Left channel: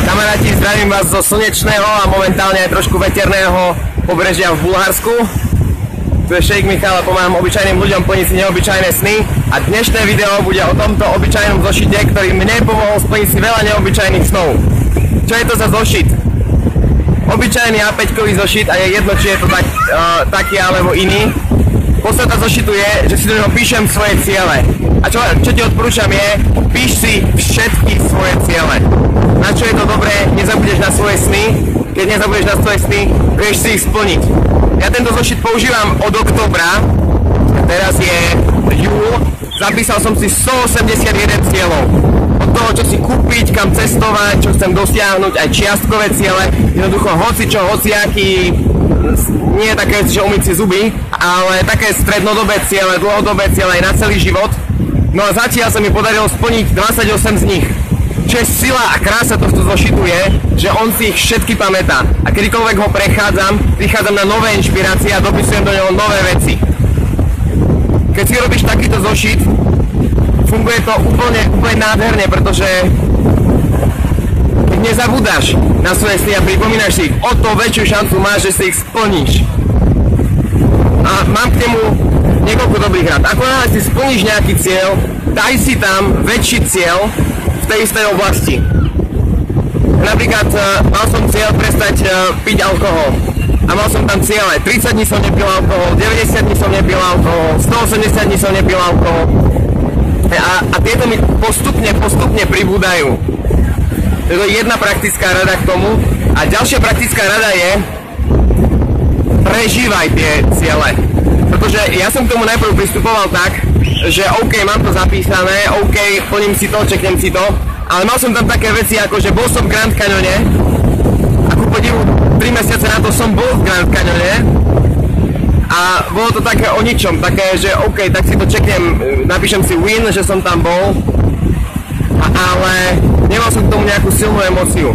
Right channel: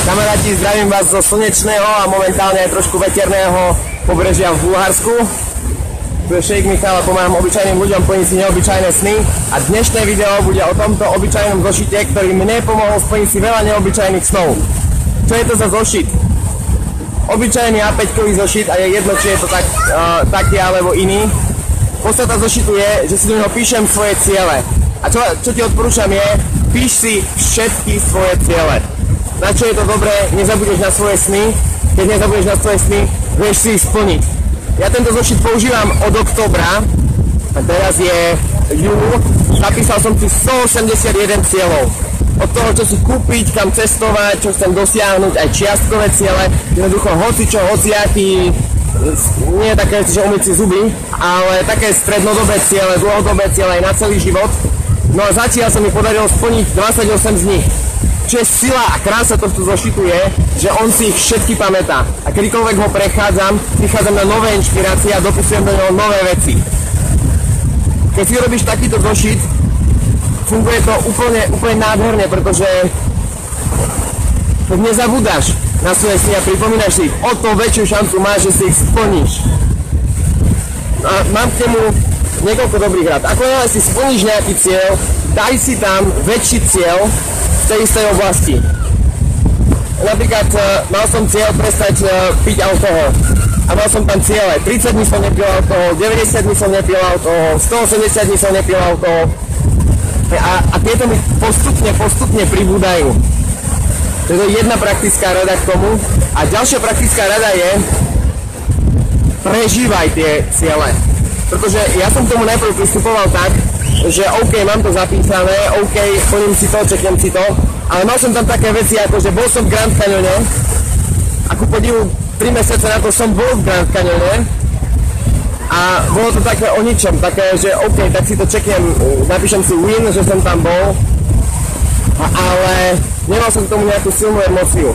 Kamaráti, zdravím vás zo slnečného a momentálne aj trošku veterného pobrežia v Bulharsku. Tu je Šejk Michal a pomáham obyčajným ľuďom plniť si neobyčajné sny. A dnešné video bude o tomto obyčajnom zošite, ktorý mne pomohol splniť si veľa neobyčajných snov. Čo je to za zošit? Obyčajný A5-kový zošit a je jedno, či je to taký alebo iný. Podstata zošitu je, že si do neho píšem svoje ciele. A čo ti odporúčam je, píš si všetky svoje ciele. Na čo je to dobré, nezabudeš na svoje sny. Keď nezabudeš na svoje sny, vieš si ich splniť. Ja tento zošit používam od októbra, teraz je júl, zapísal som si 181 cieľov. Od toho, čo si kúpiť, kam cestovať, čo chcem dosiahnuť, aj čiastkové ciele, jednoducho hocičo, hociaký, nie také, že umyť si zuby, ale také strednodobé ciele, dlhodobé ciele aj na celý život. No a zatiaľ sa mi podarilo splniť 28 z nich. Čo je sila a krása tohto zošitu je, že on si ich všetky pamätá. A kedykoľvek ho prichádzam na nové inšpirácie a dopisujem do neho nové veci. Keď si robíš takýto zošit, funguje to úplne nádherne, pretože keď nezabúdaš na svoje sny a pripomínaš si ich, o to väčšiu šancu máš, že si ich splníš. A mám k nemu niekoľko dobrých rád. Ako náhle si splníš nejaký cieľ, daj si tam väčší cieľ v tej istej oblasti. Napríklad mal som cieľ prestať piť alkohol. A mal som tam ciele. 30 dní som nepil alkohol, 90 dní som nepil alkohol, 180 dní som nepil alkohol. A tieto mi postupne pribúdajú. To je jedna praktická rada k tomu. A ďalšia praktická rada je, prežívaj tie ciele. Pretože ja som k tomu najprv pristupoval tak, že OK, mám to zapísané, OK, plním si to, čeknem si to, ale mal som tam také veci ako, že bol som v Grand Canyone a ku podivu 3 mesiace na to som bol v Grand Canyone a bolo to také o ničom, také, že OK, tak si to čeknem, napíšem si win, že som tam bol, ale nemal som k tomu nejakú silnú emóciu.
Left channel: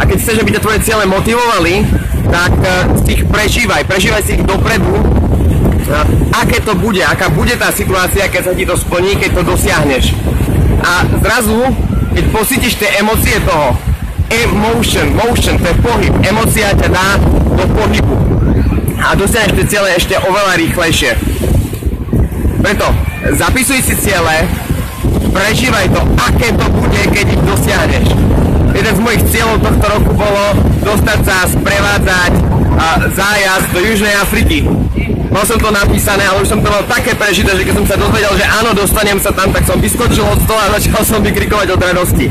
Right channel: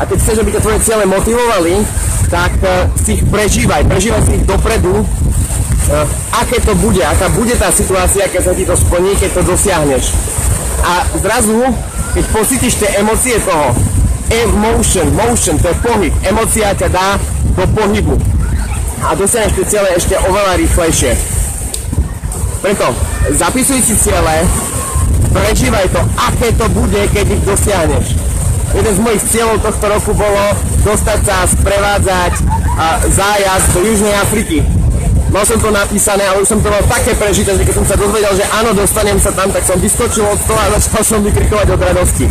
A keď chceš, aby ťa tvoje ciele motivovali, tak si ich prežívaj si ich dopredu, aké to bude, aká bude tá situácia, keď sa ti to splní, keď to dosiahneš. A zrazu, keď pocítiš tie emócie toho, motion, to je pohyb, emócia ťa dá do pohybu a dosiahneš tie ciele ešte oveľa rýchlejšie. Preto zapisuj si ciele, prežívaj to, aké to bude, keď ich dosiahneš. Jeden z mojich cieľov tohto roku bolo dostať sa sprevádzať zájazd do Južnej Afriky. Mal som to napísané, ale už som to mal také prežité, že keď som sa dozvedel, že áno, dostanem sa tam, tak som vyskočil od stola a začal som vykrikovať od radosti.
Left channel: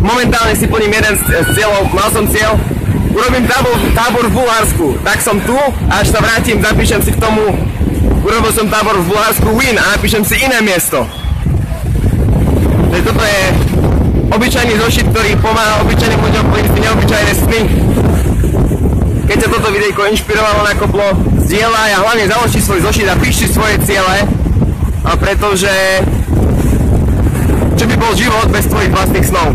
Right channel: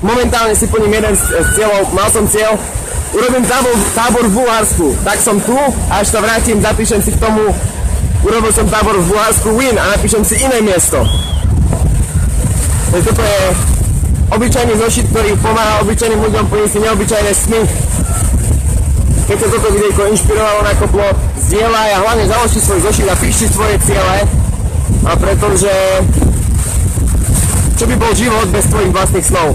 Momentálne si plním jeden z cieľov, mal som cieľ, urobím tábor v Bulharsku, tak som tu, a až sa vrátim, zapíšem si k tomu, urobil som tábor v Bulharsku win a napíšem si iné miesto. Toto je obyčajný zošit, ktorý pomáha obyčajným ľuďom plniť si neobyčajné sny. Keď ťa toto videjko inšpirovalo, nakoplo, zdieľaj a hlavne založ si svoj zošit a píš si svoje ciele, pretože čo by bol život bez tvojich vlastných snov?